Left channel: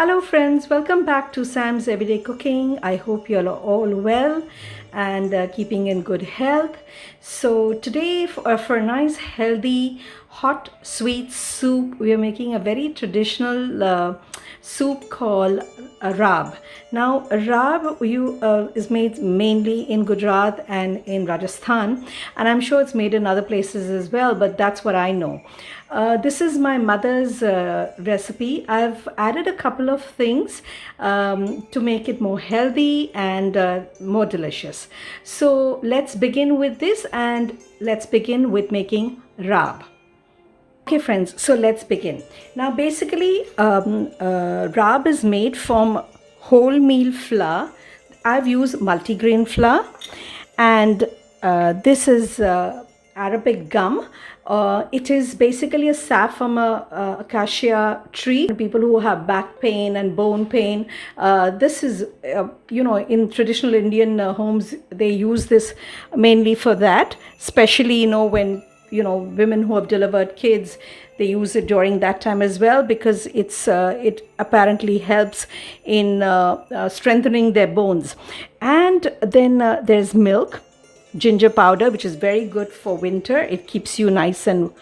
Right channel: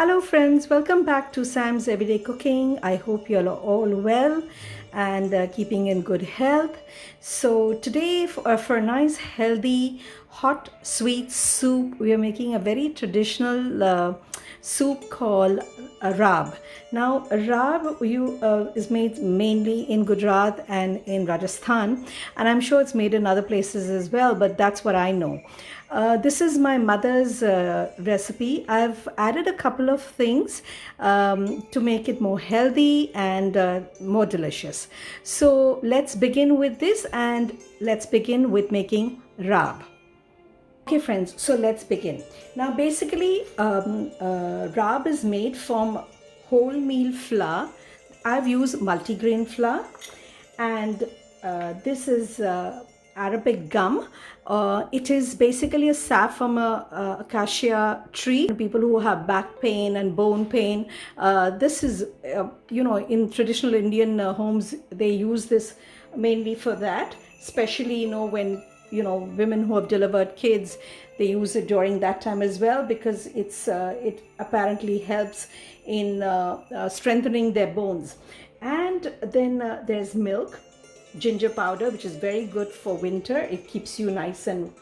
Hello friends, welcome back to Sam's Everyday Cooking. I hope you're all well and keeping in good health. So today for a nice healthy hot sweet soup, we are making a very traditional soup called Raab. Now Raab is made mainly in Gujarat and in Rajasthan, and I'm sure it's made in other places as well, but that's what I know. This is my mother's recipe. I've added a couple of things to make it more healthy and more delicious. So let's begin with this, and let's begin with making Raab. Okay friends, so let's begin. Now basically Raab is made from wholemeal flour. I've used multigrain flour, and this is Arabic gum. It is basically a sap from a acacia tree. People who have back pain and bone pain, this is, in traditional Indian homes, they use this mainly for that, especially, when, women who have delivered kids, they use it during that time as well, because it apparently helps in strengthening their bones. And then there's milk, ginger powder, which is very good for winter. It keeps you nice and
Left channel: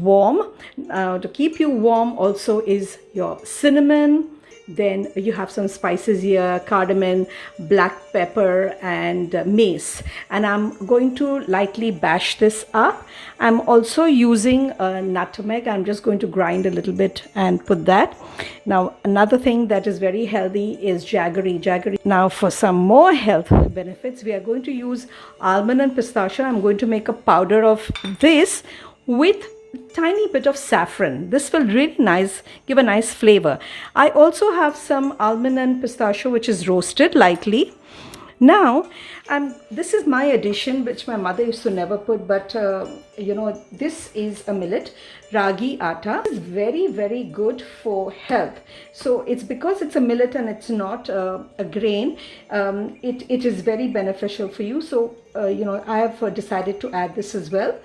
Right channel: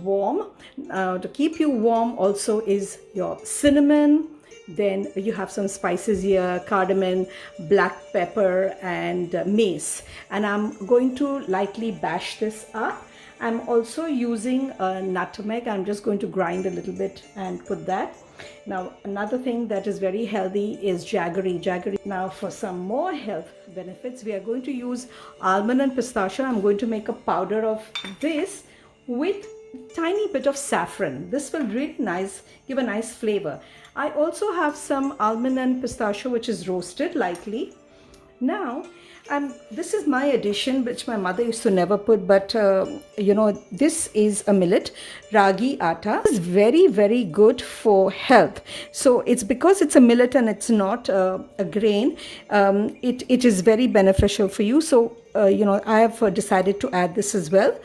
warm. To keep you warm also is your cinnamon. Then you have some spices here: cardamom, black pepper, and mace. And I'm going to lightly bash this up. I'm also using nutmeg. I'm just going to grind a little bit and put that. Now another thing that is very healthy is jaggery. Now for some more health benefits, we are going to use almond and pistachio. I'm going to make a powder of this with tiny bit of saffron. This will really give a nice flavor. I also have some almond and pistachio which is roasted lightly. Now this is my addition, which my mother used to never put, but this is a millet, ragi atta. It's very, very good for health. So it's because it's a millet and it's not a grain, it is very beneficial for you. So I have decided to add this as well.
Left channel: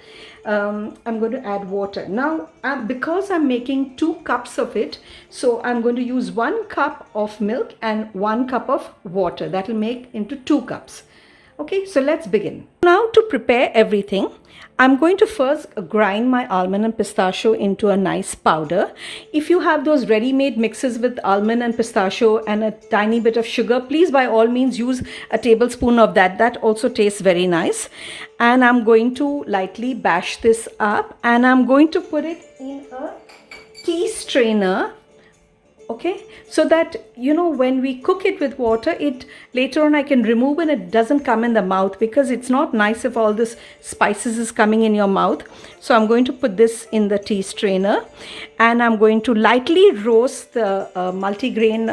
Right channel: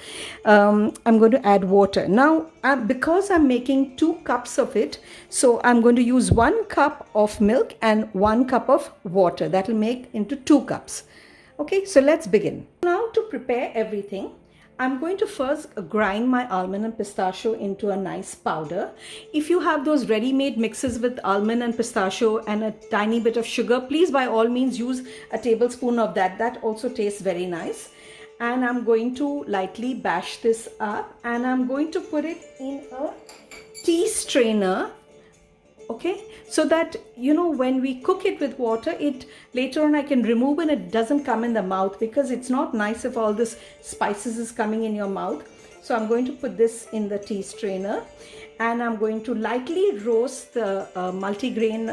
I'm going to add water. Now because I'm making 2 cups of it, so I'm going to use 1 cup of milk and 1 cup of water. That will make into 2 cups. Okay, so let's begin. Now to prepare everything, I'm going to first grind my almond and pistachio into a nice powder. If you have those ready-made mixes with almond and pistachio and a tiny bit of sugar, please by all means use a tablespoon of that. That also tastes very nice. And I'm going to lightly bash this up, and I'm going to put it in a tea strainer. Okay, so that when we cook it with water, later on I can remove and it doesn't come in the mouth, because it's not nice if all this spices is coming in your mouth. So I'm going to put this in the tea strainer, and I'm going to lightly roast the multigrain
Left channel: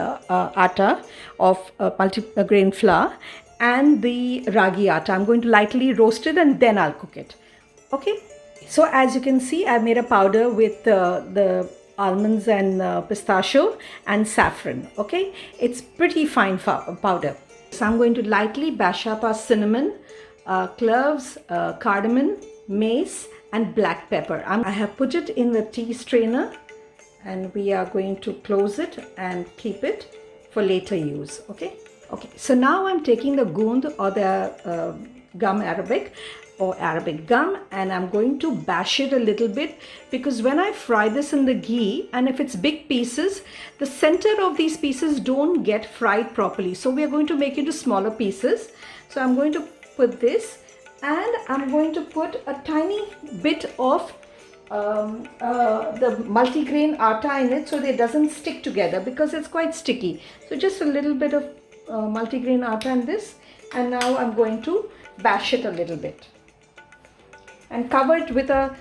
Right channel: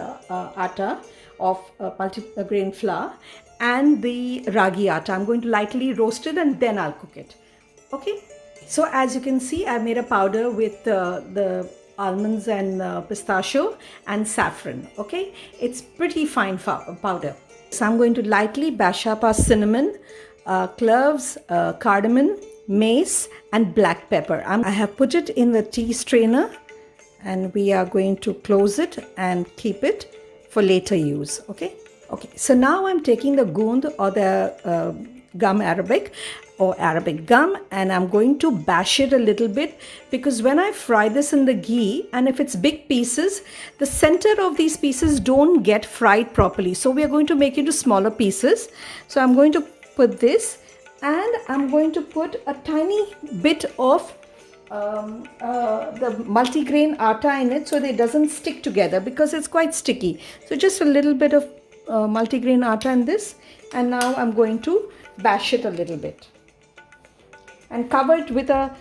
atta of multigrain flour and the ragi atta. I'm going to lightly roast it and then I'll cook it. Okay, so as you can see, I made a powder with the almonds and pistachio and saffron. Okay, it's pretty fine powder. So I'm going to lightly bash up our cinnamon, cloves, cardamom, mace, and black pepper. I have put it in the tea strainer, and we are going to close it and keep it for later use. Okay, so now I'm taking the gund, or the gum Arabic, or Arabic gum, and I'm going to bash it a little bit, because when I fry this in the ghee, and if it's big pieces, the center of these pieces don't get fried properly. So we are going to make it into smaller pieces. So I'm going to put this, and I'm going to put a tiny bit of the multigrain atta in it, so that it doesn't stick together, because it's quite sticky. So just a little bit of multigrain atta in this, and now I'm going to bash it a little bit and cover it with a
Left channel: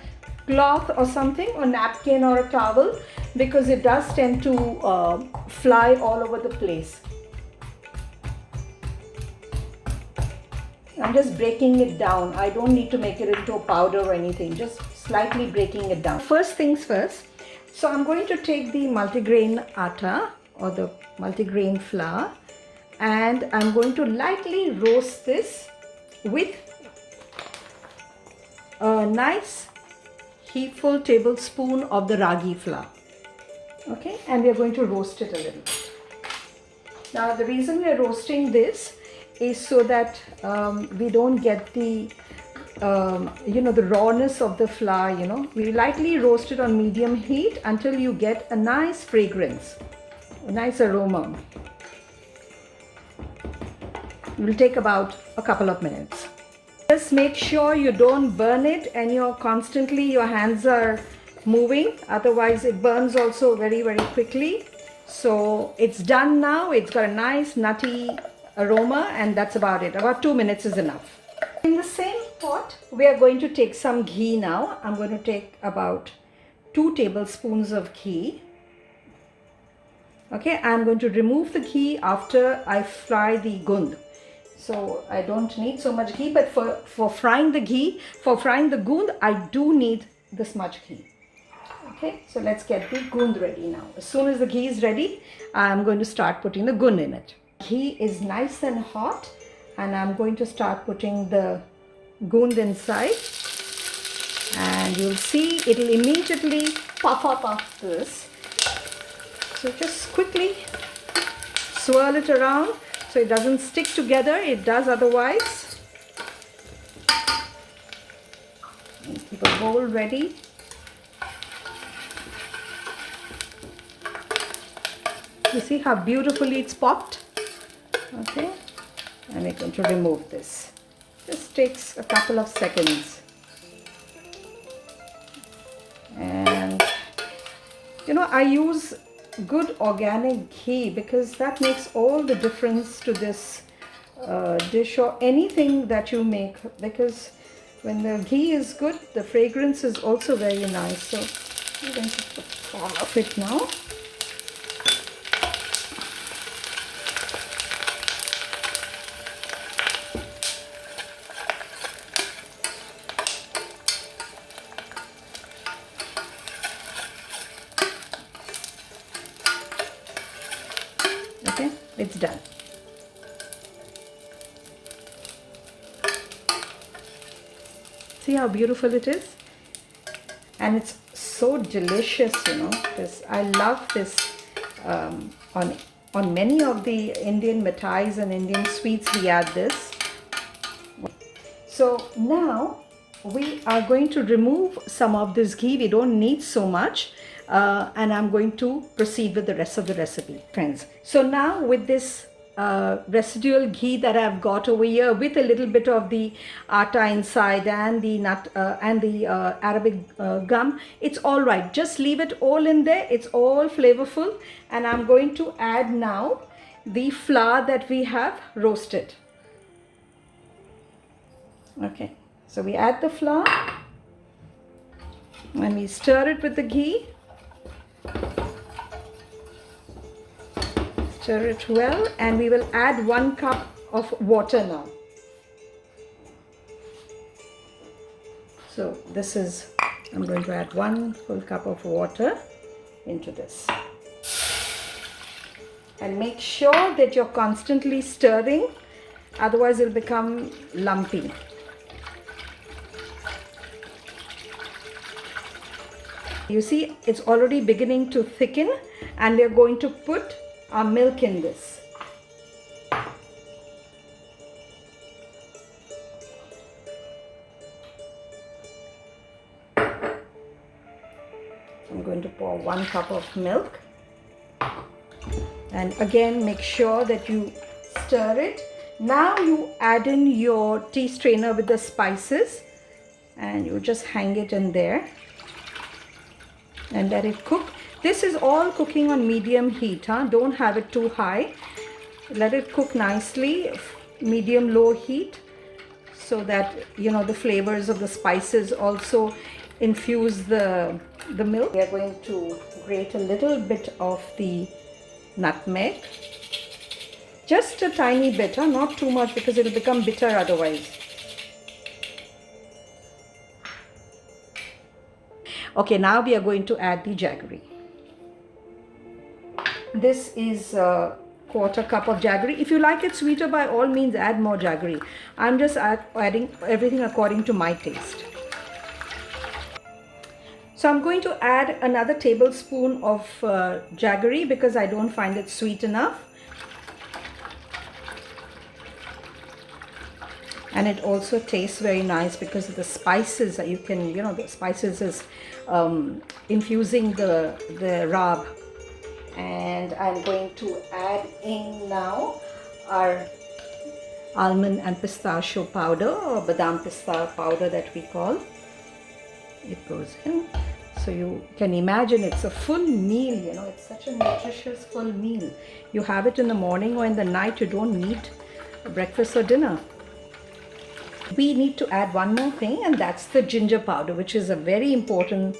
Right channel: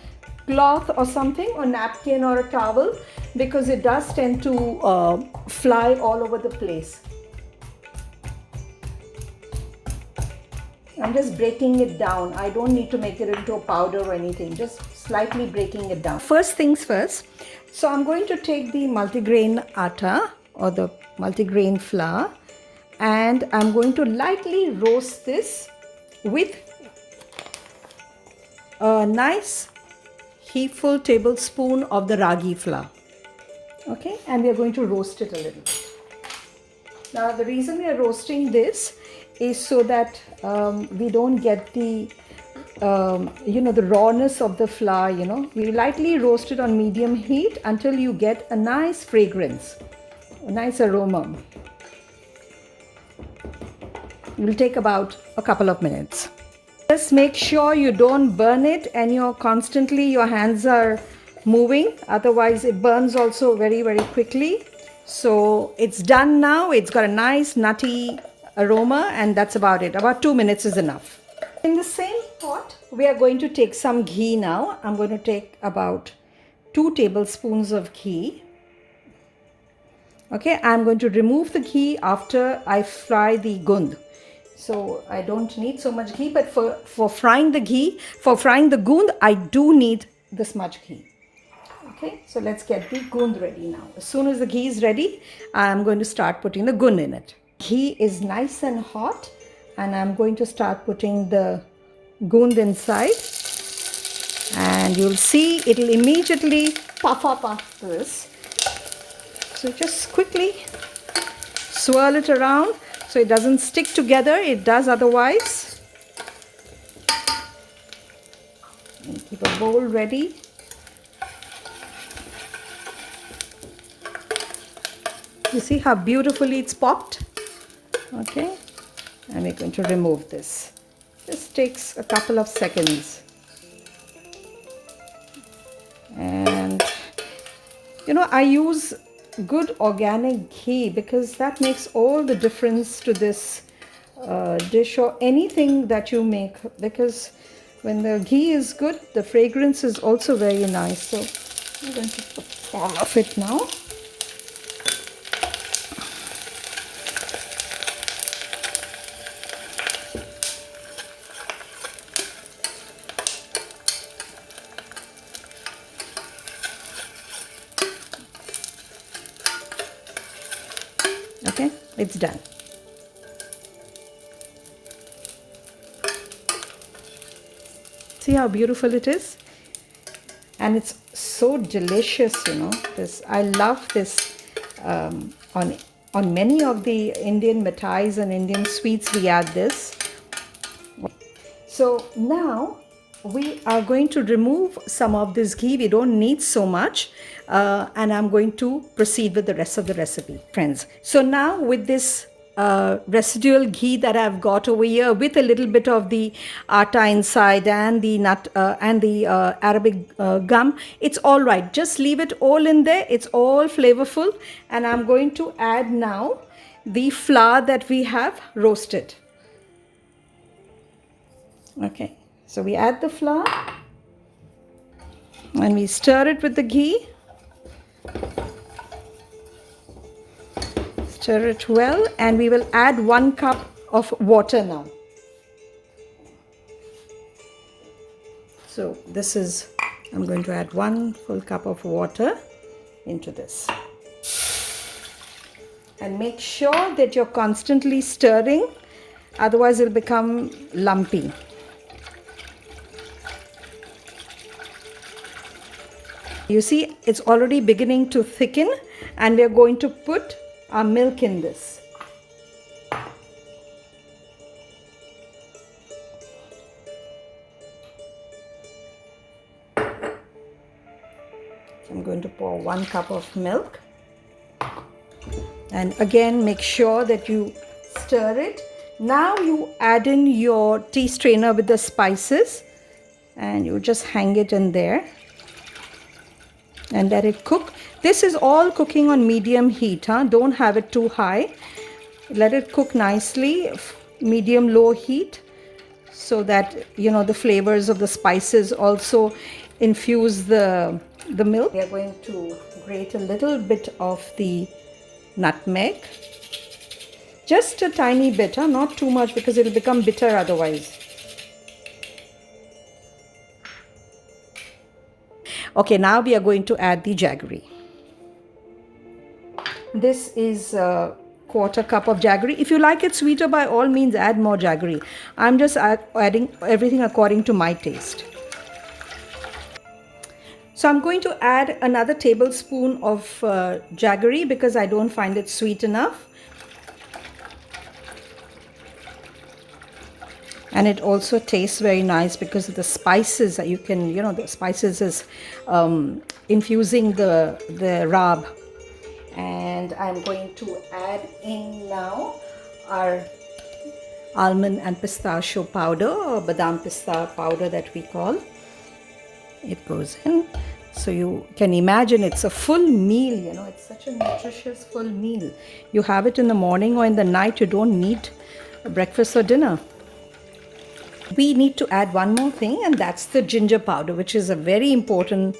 cloth or something, or napkin or a towel, because it does tend to fly all over the place. I'm just breaking it down. I don't need to make it into a powder or anything, just slightly breaking it down. First things first, so I'm going to take the multigrain atta, or the multigrain flour, and I'm going to lightly roast this with a nice heapful tablespoon of the ragi flour. Okay, and we are going to roast it a little bit. Now the reason we are roasting this is so that we don't get the the rawness of the flour. We lightly roast it on medium heat until you get a nice fragrance, a nice aroma. It will take about a couple of minutes. Just make sure you don't burn it and your hands are moving, otherwise it burns also very, very quickly. So it's done now. It's got a nice nutty aroma, and that's about it. About 2 minutes is enough. In the same pot, we are going to take some ghee now. I'm going to take about 2 tablespoons of ghee. Okay, I'm going to remove the ghee after I fry the gund. So I don't need so much ghee, but for frying the gund, I do need this much ghee. Okay, so let's get the gund ready now. As soon as the ghee is ready, I'm going to start putting the gund in it. Ghee is nice and hot, and I'm going to start putting the gund inside. And you'll see it'll immediately puff up after this. So just quickly swirl it around so it doesn't stick together. It does otherwise. And keep a bowl ready. You see how beautifully it's popped? Okay, and we're going to remove this. This takes a couple of seconds. And I use good organic ghee because that makes all the difference to this dish or anything that you make, because when the ghee is good, the fragrance is also very nice. So I'm going to put all of it now. Okay, it's done. See how beautiful it is? And it's so delicious, This, I love this on many of the Indian mithais and Indian sweets we add this. So now we are going to remove some of this ghee. We don't need so much. And I'm going to proceed with the rest of the recipe, friends. So now with this residual ghee that I've got over here with a little bit of the atta inside and the nut and the Arabic gum, it's all right. Just leave it all in there. It's all flavorful. And I'm going to add now the flour that we have roasted. Okay, so we add the flour and we stir it with the ghee. Stir it well, and we will add 1 cup of water now. So this is, I'm going to add 1 full cup of water into this. And make sure that you're constantly stirring, otherwise it'll become lumpy. You see, it's already beginning to thicken, and we're going to put our milk in this. I'm going to pour 1 cup of milk. And again, make sure that you stir it. Now you add in your tea strainer with the spices, and you just hang it in there and let it cook. This is all cooking on medium heat, Don't have it too high. Let it cook nicely, medium low heat, so that the flavors of the spices also infuse the milk. We are going to grate a little bit of the nutmeg, just a tiny bit, not too much, because it will become bitter otherwise. Okay, now we are going to add the jaggery. This is a 1/4 cup of jaggery. If you like it sweeter, by all means add more jaggery. I'm just adding everything according to my taste. So I'm going to add another tablespoon of jaggery because I don't find it sweet enough. and it also tastes very nice because of the spices that you can, the spices is infusing the raab. And I'm going to add in now our almond and pistachio powder, or badam pista powder that we call. It goes in. So you can imagine it's a full meal, it's such a nutritious full meal. You have it in the morning or in the night, you don't need breakfast or dinner. We need to add one more thing, and that's the ginger powder, which is a very important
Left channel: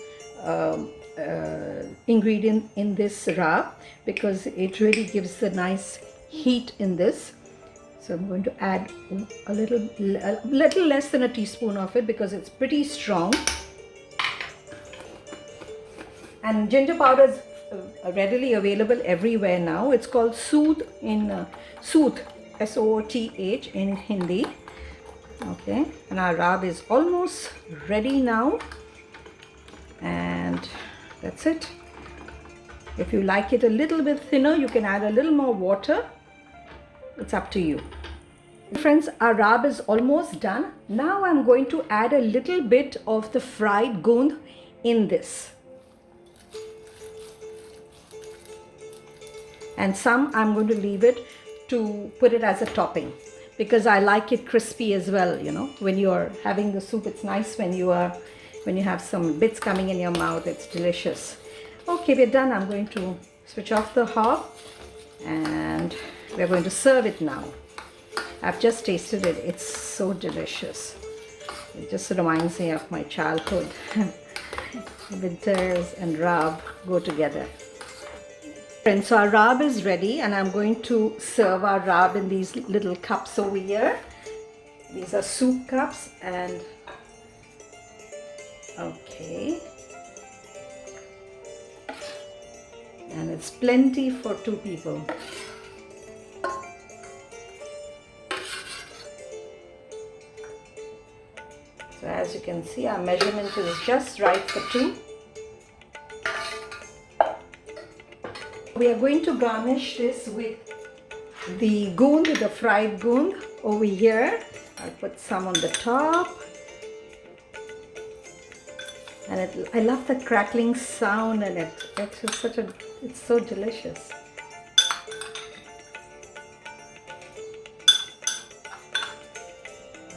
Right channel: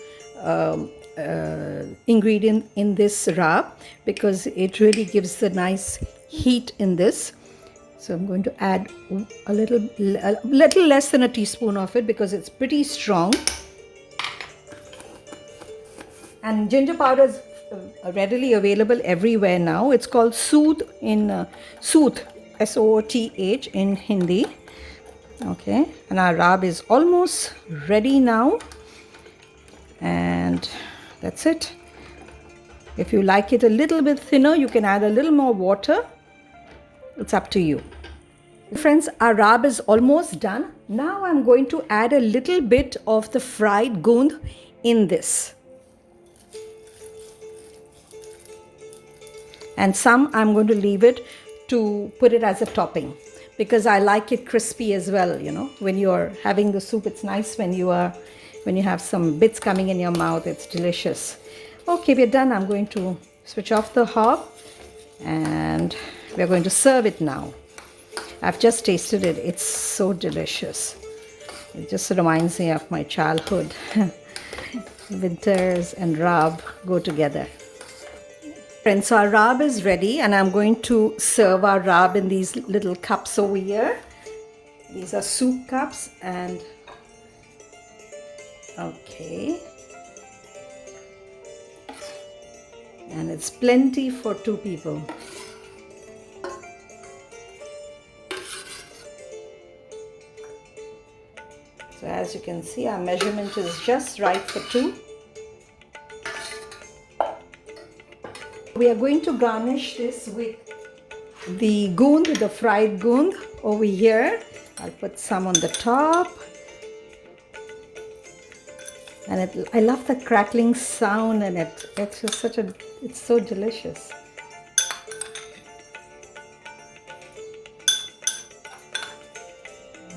ingredient in this raab, because it really gives the nice heat in this. So I'm going to add a little less than a teaspoon of it because it's pretty strong. And ginger powder is readily available everywhere now. It's called sooth in sooth, S-O-O-T-H in Hindi. Okay, and our raab is almost ready now, and that's it. If you like it a little bit thinner, you can add a little more water. It's up to you. Friends, our raab is almost done. Now I'm going to add a little bit of the fried gund in this. And some I'm going to leave it to put it as a topping, because I like it crispy as well. When you're having the soup, it's nice when you have some bits coming in your mouth. It's delicious. Okay, we're done. I'm going to switch off the hob and we're going to serve it now. I've just tasted it. It's so delicious. It just reminds me of my childhood. Winters and raab go together. Friends, so our raab is ready, and I'm going to serve our raab in these little cups over here. These are soup cups, and okay, and it's plenty for 2 people. So as you can see, our measurement is just right for 2. We are going to garnish this with the gund, the fried gund over here. I'll put some on the top. And I love the crackling sound, and it's just it's so delicious.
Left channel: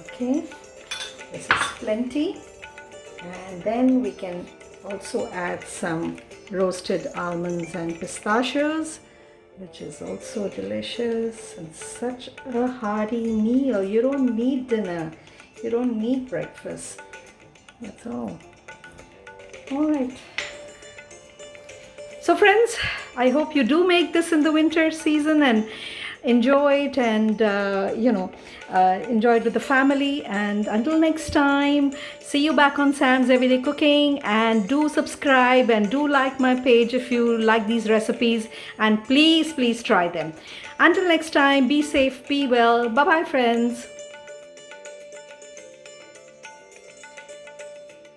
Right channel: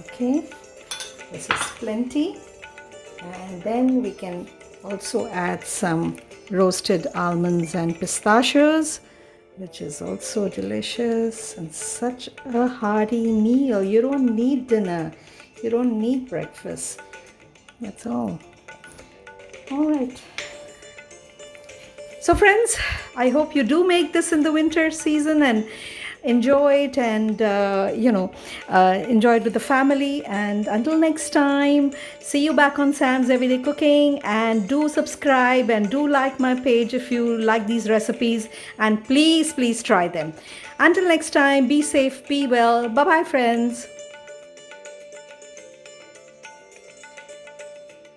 Okay, this is plenty. And then we can also add some roasted almonds and pistachios, which is also delicious, and such a hearty meal. You don't need dinner, you don't need breakfast. That's all. All right. So friends, I hope you do make this in the winter season and enjoy it, and enjoy it with the family. And until next time, see you back on Sam's Everyday Cooking, and do subscribe and do like my page if you like these recipes, and please try them. Until next time, be safe, be well. Bye bye friends.